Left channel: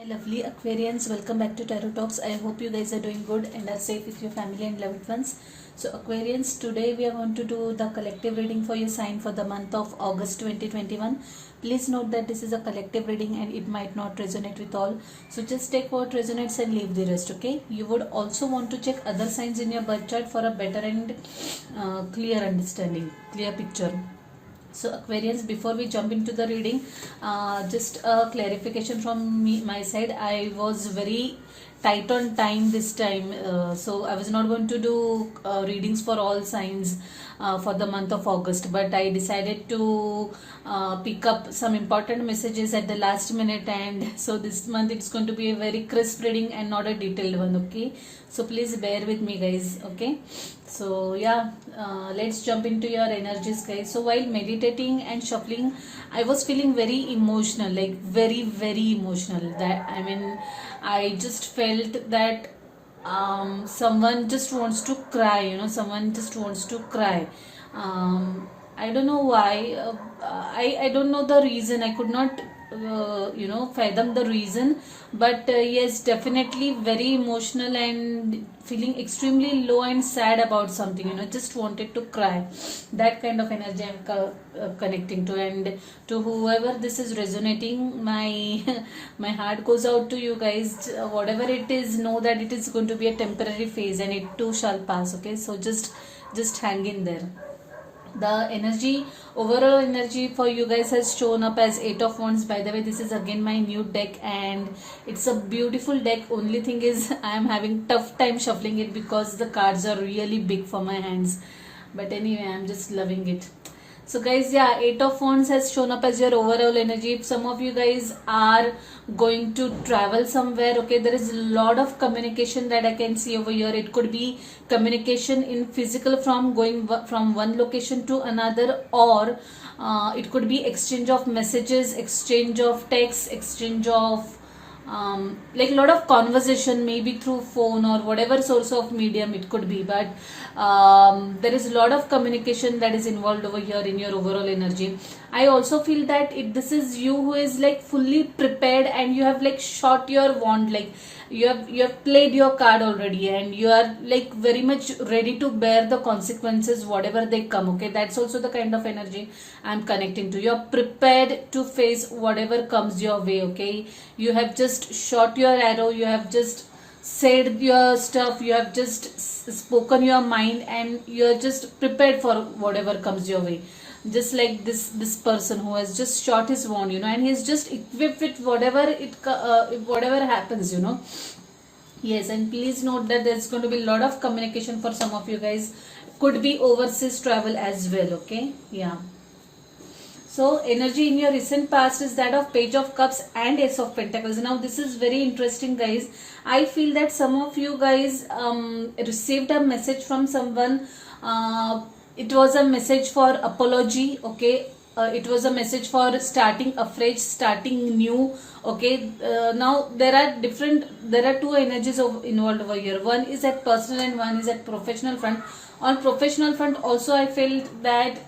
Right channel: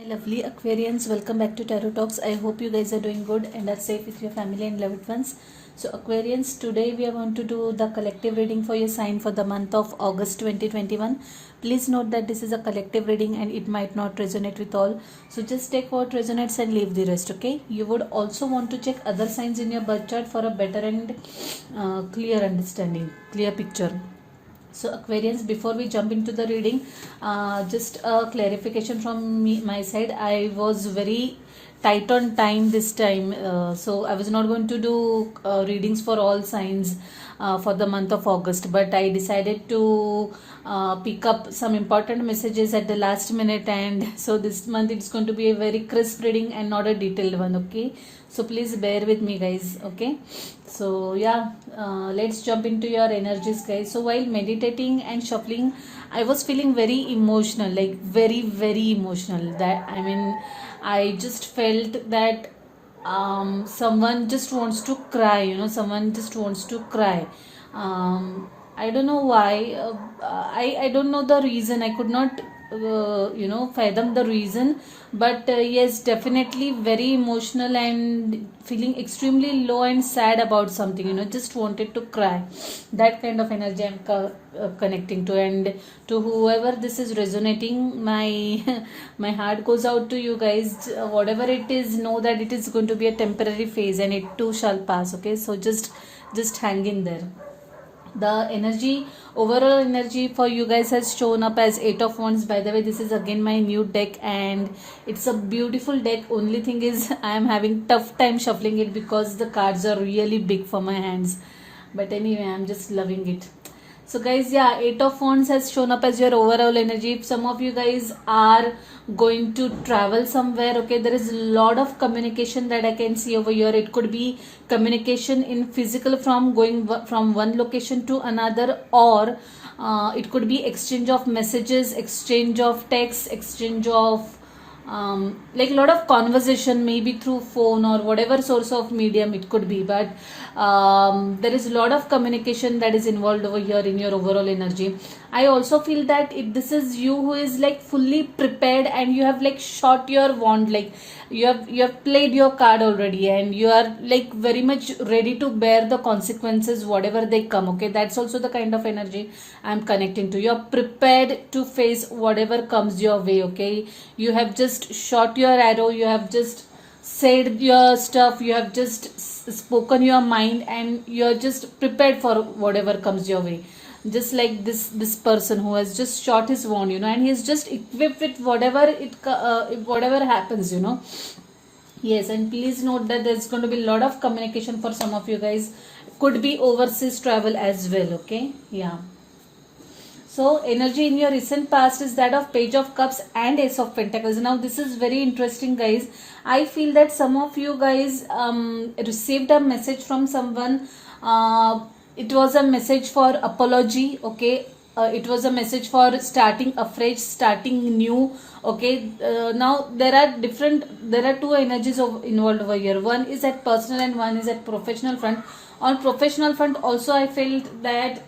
Hi lovely Aquarians, welcome back to Tarot Talks. I hope you guys are doing good and are safe with your family and loved ones. So Aquarians, today we are going to do the collective reading for your sign for the month of August 2021. Please note that this is a collective reading and it might not resonate with all. So just take what resonates and leave the rest, okay? You would also want to check other signs in your birth chart for a better and clear understanding, clear picture. So Aquarians, before we jump into the reading, just a clarification from my side. I was very tight on time this time, so I was not going to do readings for all signs for the month of August, but I decided to pick up some important messages at the last minute, and so this month it's going to be a very crisp reading and not a detailed one, okay? So please bear with me guys, okay? So yeah, let's jump into your energies guys. So while meditating and shuffling, I was feeling very emotional, like very emotional. That I just felt that someone just wants to cry, someone just wants to cry. I don't know why. I don't know the reason. I could not fathom the reason, but yes, definitely very emotional and feeling extremely low and sad about something, just wanted to cry. That kind of energy I'm connecting to, and to whoever this is resonating, my my heart goes out to you guys. Whatever it is, know that it is going to be a temporary phase and it too shall pass, okay? So just hang in there. The energy, overall energy for you guys has shown up as 8 of Wands. By the way, this is again my new deck and it's a beautiful deck. Only thing is I am having tough time shuffling it because the cards are really big for my hands, but anyway, I'm just loving it. So guys, yeah, 8 of Wands has shown up as your overall energy. If some of you guys are going to travel somewhere, okay, there is a lot of communication that I can see over here. It could be communication in physical from going from one location to another, or it could be exchange of messages, exchange of texts, exchange of like a lot of conversation, maybe through phone or whatever source of medium it could be, but there is a lot of communication that is involved over here in your overall energy. I also feel that this is you who is like fully prepared and you have like shot your wand, like you have played your card already and you are like very much ready to bear the consequences whatever they come, okay? That's also the kind of energy I'm connecting to. You're prepared to face whatever comes your way, okay? You have just shot your arrow, you have just said your stuff, you have just spoken your mind, and you're just prepared for whatever comes your way. Just like this person who has just shot his wand, and he's just equipped with whatever happens, Yes, and please note that there's going to be a lot of communication for some of you guys. Could be overseas travel as well, okay? Yeah. So energy in your recent past is that of Page of Cups and Ace of Pentacles. Now this is very interesting guys. I feel that some of you guys received a message from someone. It was a message for apology, okay? It was a message for starting afresh, starting new, okay? Now there are two energies involved over here. One is at personal and one is at professional front. On professional front also I felt that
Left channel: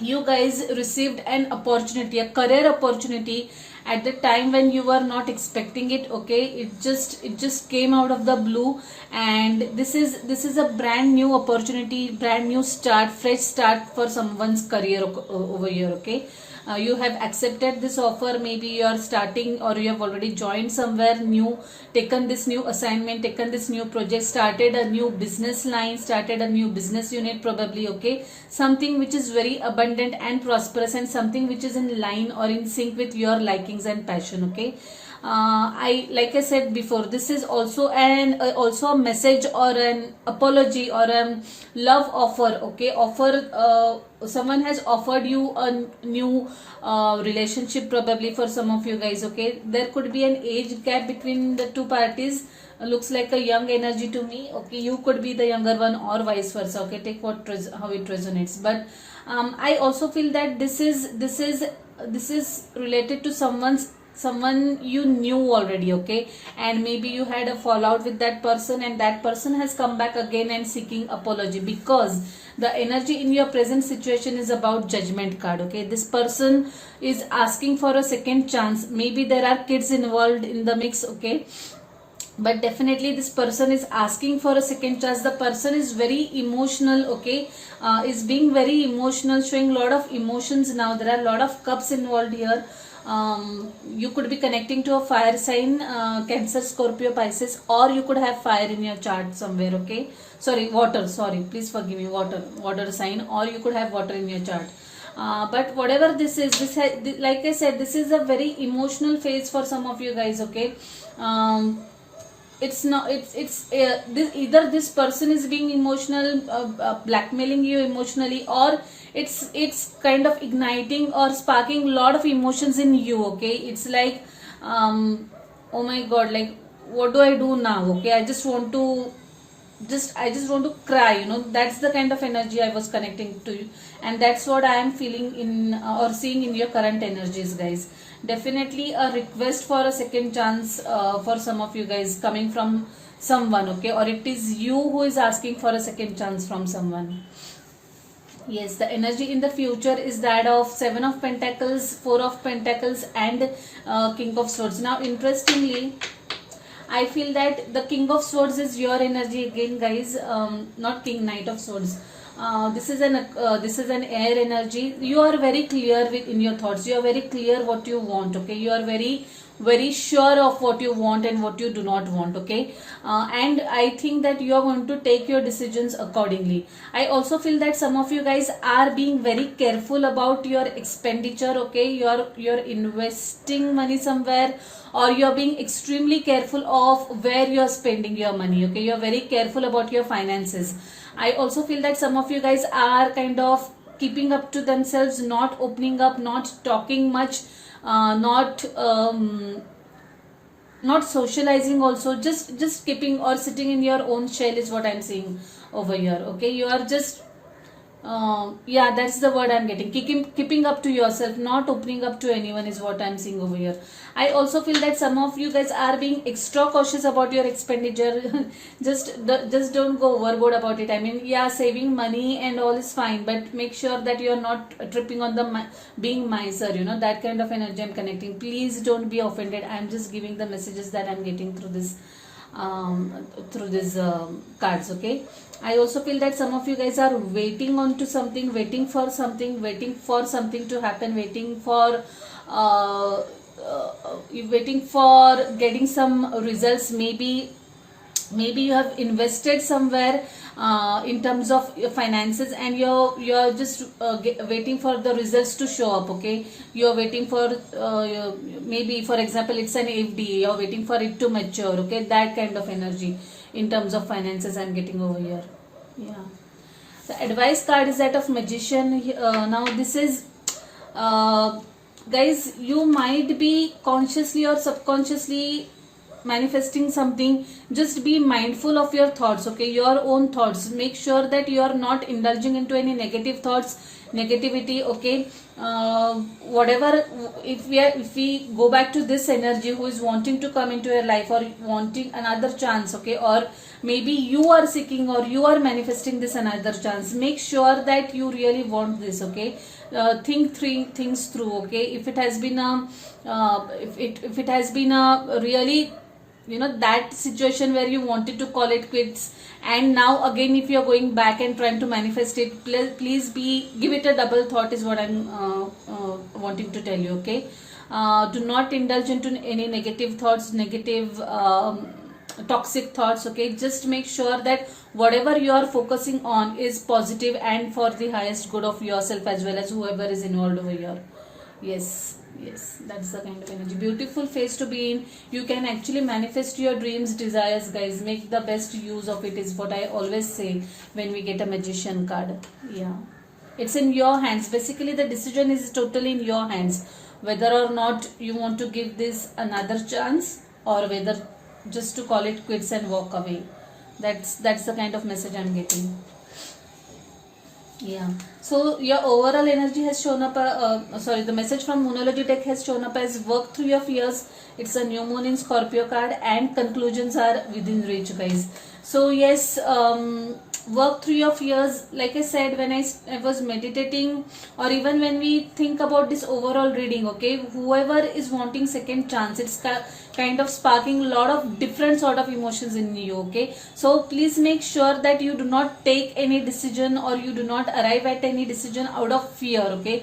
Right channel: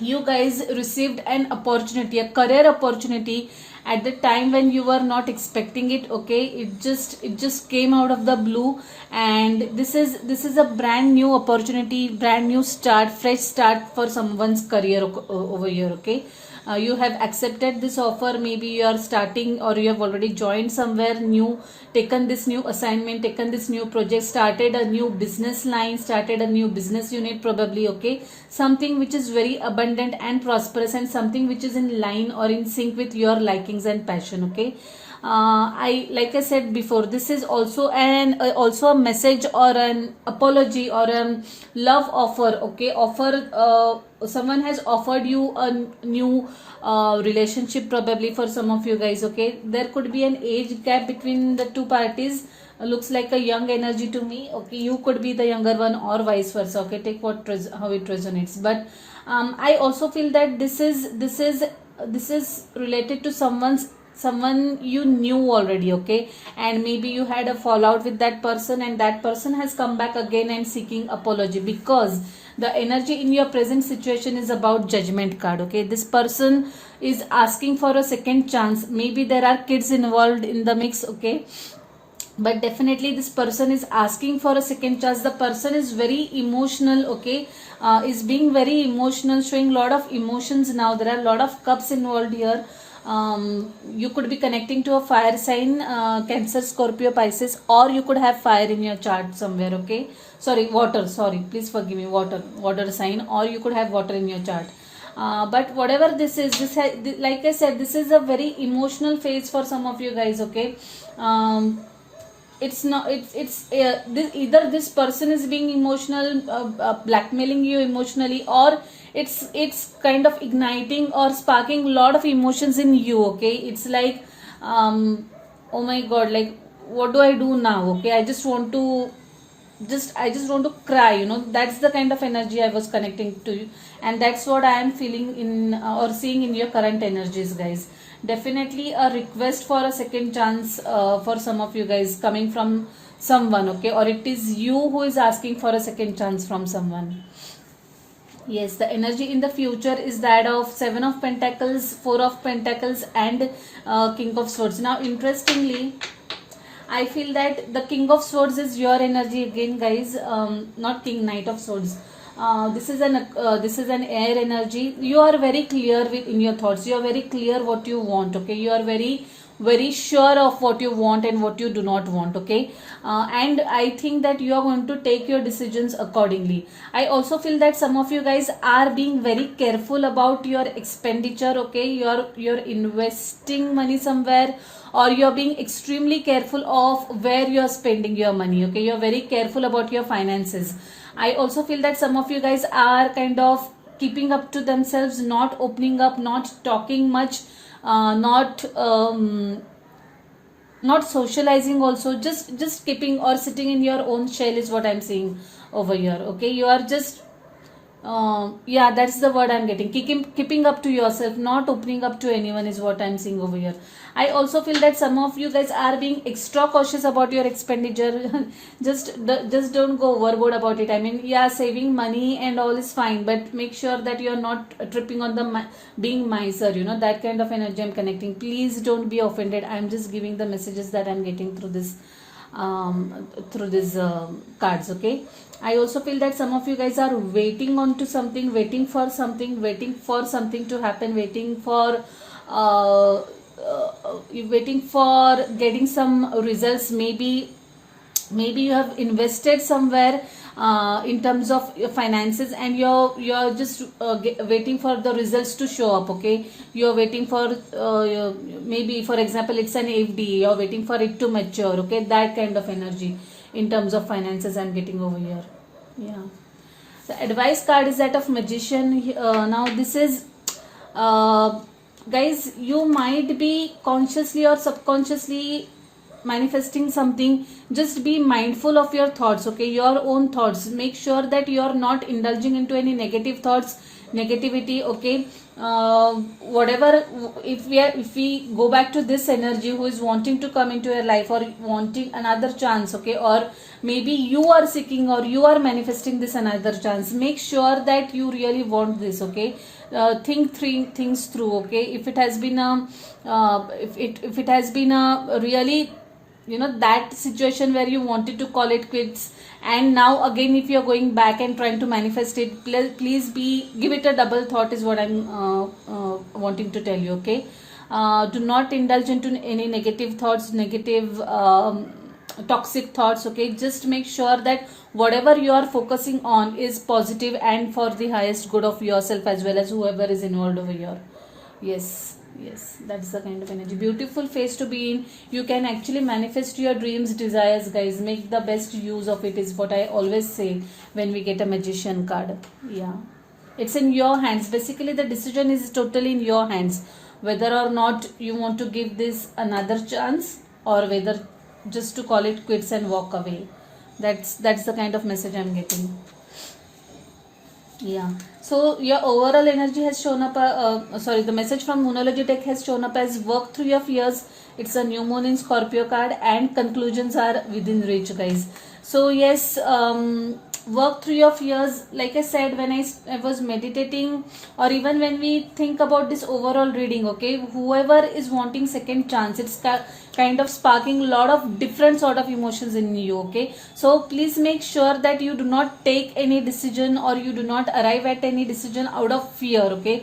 you guys received an opportunity, a career opportunity at the time when you were not expecting it, okay? It just came out of the blue, and this is a brand new opportunity, brand new start, fresh start for someone's career over here, okay? You have accepted this offer, maybe you are starting or you have already joined somewhere new, taken this new assignment, taken this new project, started a new business line, started a new business unit probably, okay? Something which is very abundant and prosperous, and something which is in line or in sync with your likings and passion, okay? Like I said before, this is also also a message or an apology or a love offer, okay? Someone has offered you a new relationship probably for some of you guys, okay? There could be an age gap between the two parties. Looks like a young energy to me, okay? You could be the younger one or vice versa, okay? Take how it resonates. But I also feel that this is related to someone's someone you knew already, okay, and maybe you had a fallout with that person, and that person has come back again and seeking apology, because the energy in your present situation is about Judgment card, okay. This person is asking for a second chance. Maybe there are kids involved in the mix, okay, but definitely this person is asking for a second chance. The person is very emotional, okay, is being very emotional, showing lot of emotions. Now there are a lot of cups involved here. You could be connecting to a fire sign, Cancer, Scorpio, Pisces, or you could have fire in your chart somewhere, okay. Sorry, water, sorry, please forgive me, water sign, or you could have water in your chart. But whatever this is, like I said, this is a very emotional phase for some of you guys, okay. It's not, this, either this person is being emotional, blackmailing you emotionally, or it's kind of igniting or sparking a lot of emotions in you, okay. It's like, oh my god, like what do I do now, okay. I just want to cry, that's the kind of energy I was connecting to you, and that's what I am feeling in, or seeing in your current energies, guys. Definitely a request for a second chance, for some of you guys, coming from someone, okay, or it is you who is asking for a second chance from someone. Yes, the energy in the future is that of Seven of Pentacles, Four of Pentacles, and King of Swords. Now interestingly, I feel that the King of Swords is your energy again, guys. Not King, Knight of Swords. This is an air energy. You are very clear in your thoughts. You are very clear what you want, okay. You are very sure of what you want and what you do not want, okay. And I think that you are going to take your decisions accordingly. I also feel that some of you guys are being very careful about your expenditure, okay. You're investing money somewhere, or you're being extremely careful of where you're spending your money, okay. You're very careful about your finances. I also feel that some of you guys are kind of keeping up to themselves, not opening up, not talking much, not socializing also, just keeping or sitting in your own shell is what I'm seeing over here, okay. You are just yeah, that's the word I'm getting. Keeping up to yourself, not opening up to anyone is what I'm seeing over here. I also feel that some of you guys are being extra cautious about your expenditure. just don't go overboard about it. I mean, yeah, saving money and all is fine, but make sure that you're not tripping on the being miser, that kind of energy I'm connecting. Please don't be offended. I'm just giving the messages that I'm getting through this cards, okay. I also feel that some of you guys are waiting on to something, waiting for something to happen, waiting for getting some results. Maybe you have invested somewhere in terms of your finances, and you're just waiting for the results to show up, okay. You're waiting for maybe, for example, it's an FD, you're waiting for it to mature, okay. That kind of energy in terms of finances I'm getting over here. Yeah, the advice card is that of Magician. Now this is guys, you might be consciously or subconsciously manifesting something. Just be mindful of your thoughts, okay, your own thoughts. Make sure that you are not indulging into any negative thoughts, negativity, okay. Whatever, if we go back to this energy who is wanting to come into your life, or wanting another chance, okay, or maybe you are seeking or you are manifesting this another chance, make sure that you really want this, okay. Think three things through, okay. If it has been if it has been a really, that situation where you wanted to call it quits, and now again if you are going back and trying to manifest it, please give it a double thought is what I'm wanting to tell you, okay. Do not indulge into any negative thoughts, negative toxic thoughts, okay. Just make sure that whatever you are focusing on is positive and for the highest good of yourself as well as whoever is involved over here. Yes, that's the kind of energy. Beautiful phase to be in. You can actually manifest your dreams, desires, guys. Make the best use of it is what I always say when we get a Magician card. Yeah, it's in your hands. Basically the decision is totally in your hands, whether or not you want to give this another chance, or whether just to call it quits and walk away. That's the kind of message I'm getting. Yeah. So your overall energy has shown up. Sorry, the message from Moonology deck has shown up as work through your fears. It's a new moon in Scorpio card, and conclusions are within reach, guys. So yes, work through your fears. Like I said, when I was meditating, or even when we think about this overall reading, okay, whoever is wanting second chance, it's kind of sparking a lot of different sort of emotions in you. Okay, so please make sure that you do not take any decision, or you do not arrive at any decision out of fear. Okay,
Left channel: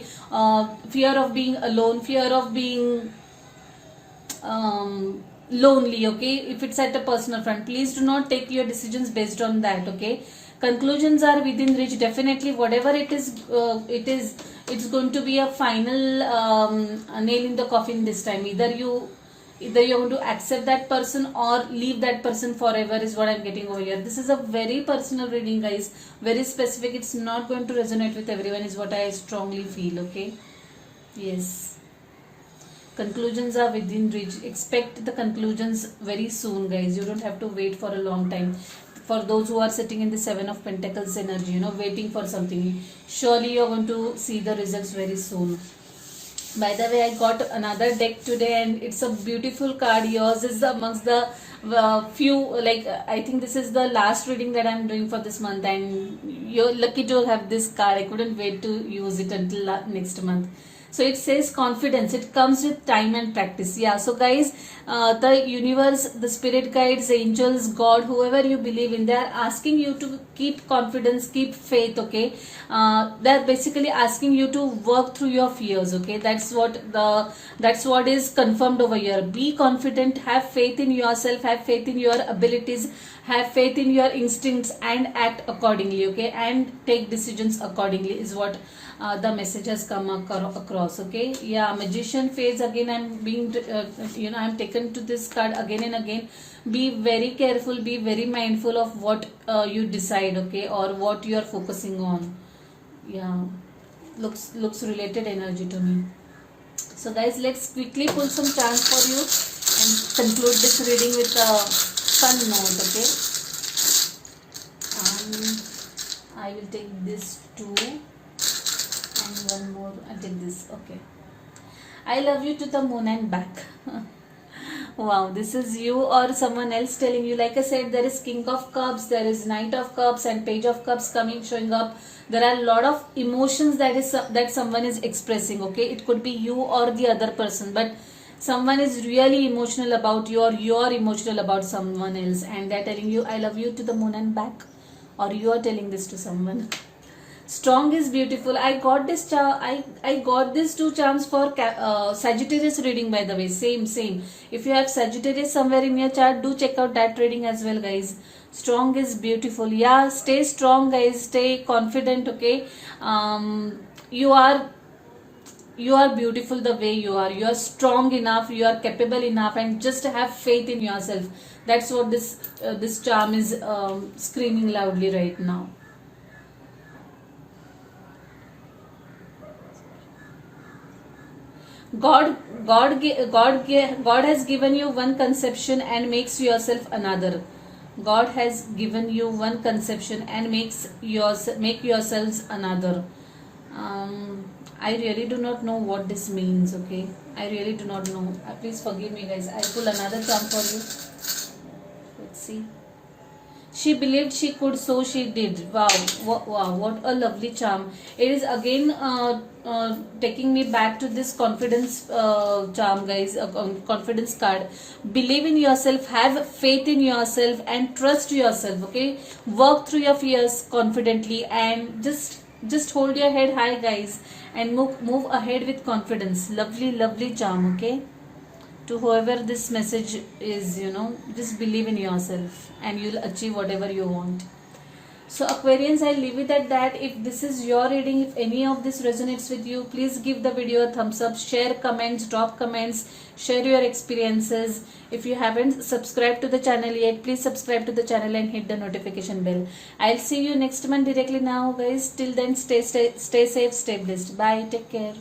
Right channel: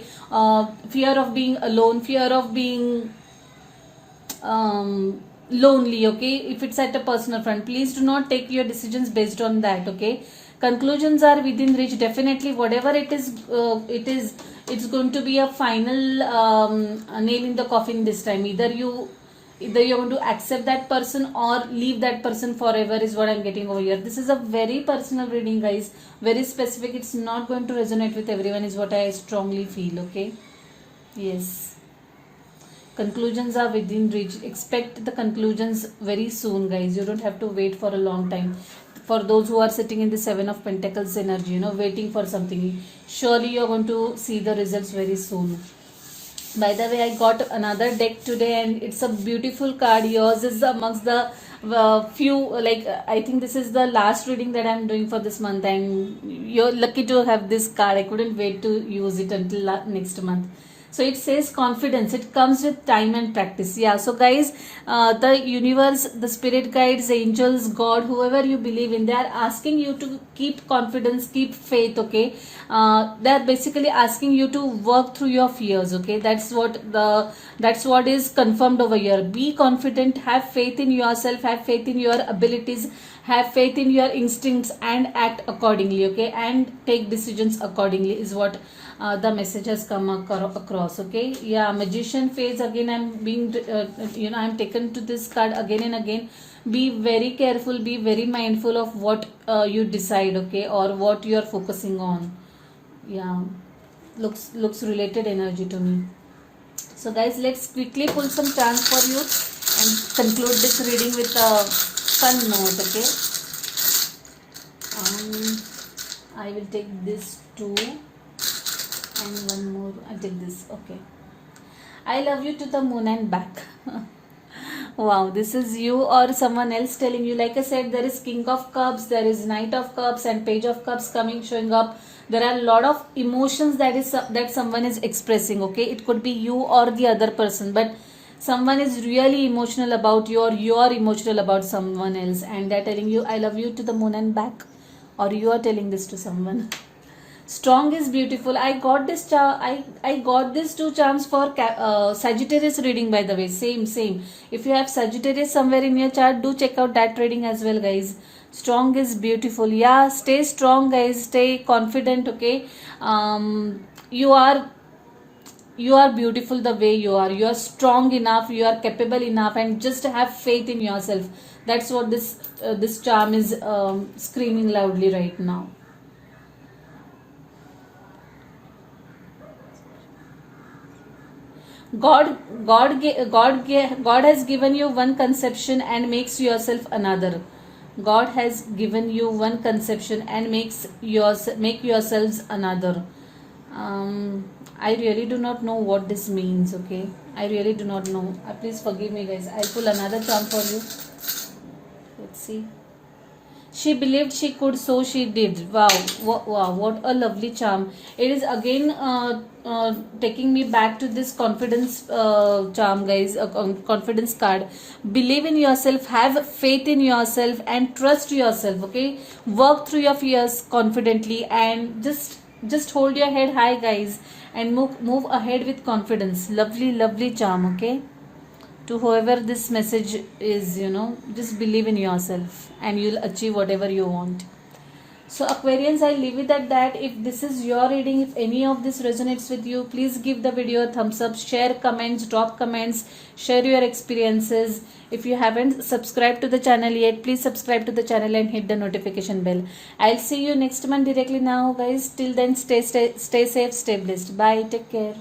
fear of being alone, fear of being lonely. Okay, if it's at a personal front, please do not take your decisions based on that. Okay, conclusions are within reach. Definitely whatever it is, it's going to be a final nail in the coffin this time. Either you're going to accept that person or leave that person forever, is what I'm getting over here. This is a very personal reading, guys, very specific. It's not going to resonate with everyone, is what I strongly feel. Okay, yes, conclusions are within reach. Expect the conclusions very soon, guys. You don't have to wait for a long time. For those who are sitting in the Seven of Pentacles energy, waiting for something, surely you're going to see the results very soon. By the way, I got another deck today, and it's a beautiful card. Yours is amongst the few, like, I think this is the last reading that I'm doing for this month, and you're lucky to have this card. I couldn't wait to use it until next month. So it says confidence. It comes with time and practice. Yeah. So guys, the universe, the spirit guides, angels, God, whoever you believe in, they are asking you to keep confidence, keep faith. Okay. They are basically asking you to work through your fears. Okay. That's what is confirmed over here. Be confident. Have faith in yourself. Have faith in your abilities. Have faith in your instincts and act accordingly. Okay. And take decisions accordingly, is what the message has come across. Okay, yeah, magician phase again. I'm being I'm taken to this card again and again. Be very careful, be very mindful of what you decide, okay, or what you are focusing on. Yeah, looks related energy to me. So guys, let's quickly pull some charms for you and conclude this reading with a fun note. Okay, I will take this too, and one more. I did this. Okay. I love you to the moon and back. Wow, this is you or someone else telling you. Like I said, there is King of Cups, there is Knight of Cups, and Page of Cups showing up. There are a lot of emotions that someone is expressing. Okay, it could be you or the other person, but someone is really emotional about you, or you are emotional about someone else, and they're telling you, "I love you to the moon and back," or you are telling this to someone. Strong is beautiful. I got this I got these two charms for Sagittarius reading, by the way. Same. If you have Sagittarius somewhere in your chart, do check out that reading as well, guys. Strong is beautiful. Yeah, stay strong, guys. Stay confident. Okay. You are beautiful the way you are. You are strong enough. You are capable enough, and just have faith in yourself. That's what this charm is screaming loudly right now. God has given you one conception and makes yourself another. God has given you one conception and make yourselves another. I really do not know what this means. Okay, I really do not know. Please forgive me, guys. I'll pull another charm for you. Let's see. She believed she could, so she did. Wow, what a lovely charm. It is again taking me back to this confidence charm, guys. Confidence card. Believe in yourself, have faith in yourself, and trust yourself. Okay, work through your fears confidently, and just hold your head high, guys, and move ahead with confidence. Lovely charm. Okay, to whoever this message is, just believe in yourself and you'll achieve whatever you want. So Aquarians, I'll leave it at that. If this is your reading, if any of this resonates with you, please give the video a thumbs up, share comments, drop comments, share your experiences. If you haven't subscribed to the channel yet, please subscribe to the channel and hit the notification bell. I'll see you next month directly now, guys. Till then, stay safe, stay blessed. Bye, take care.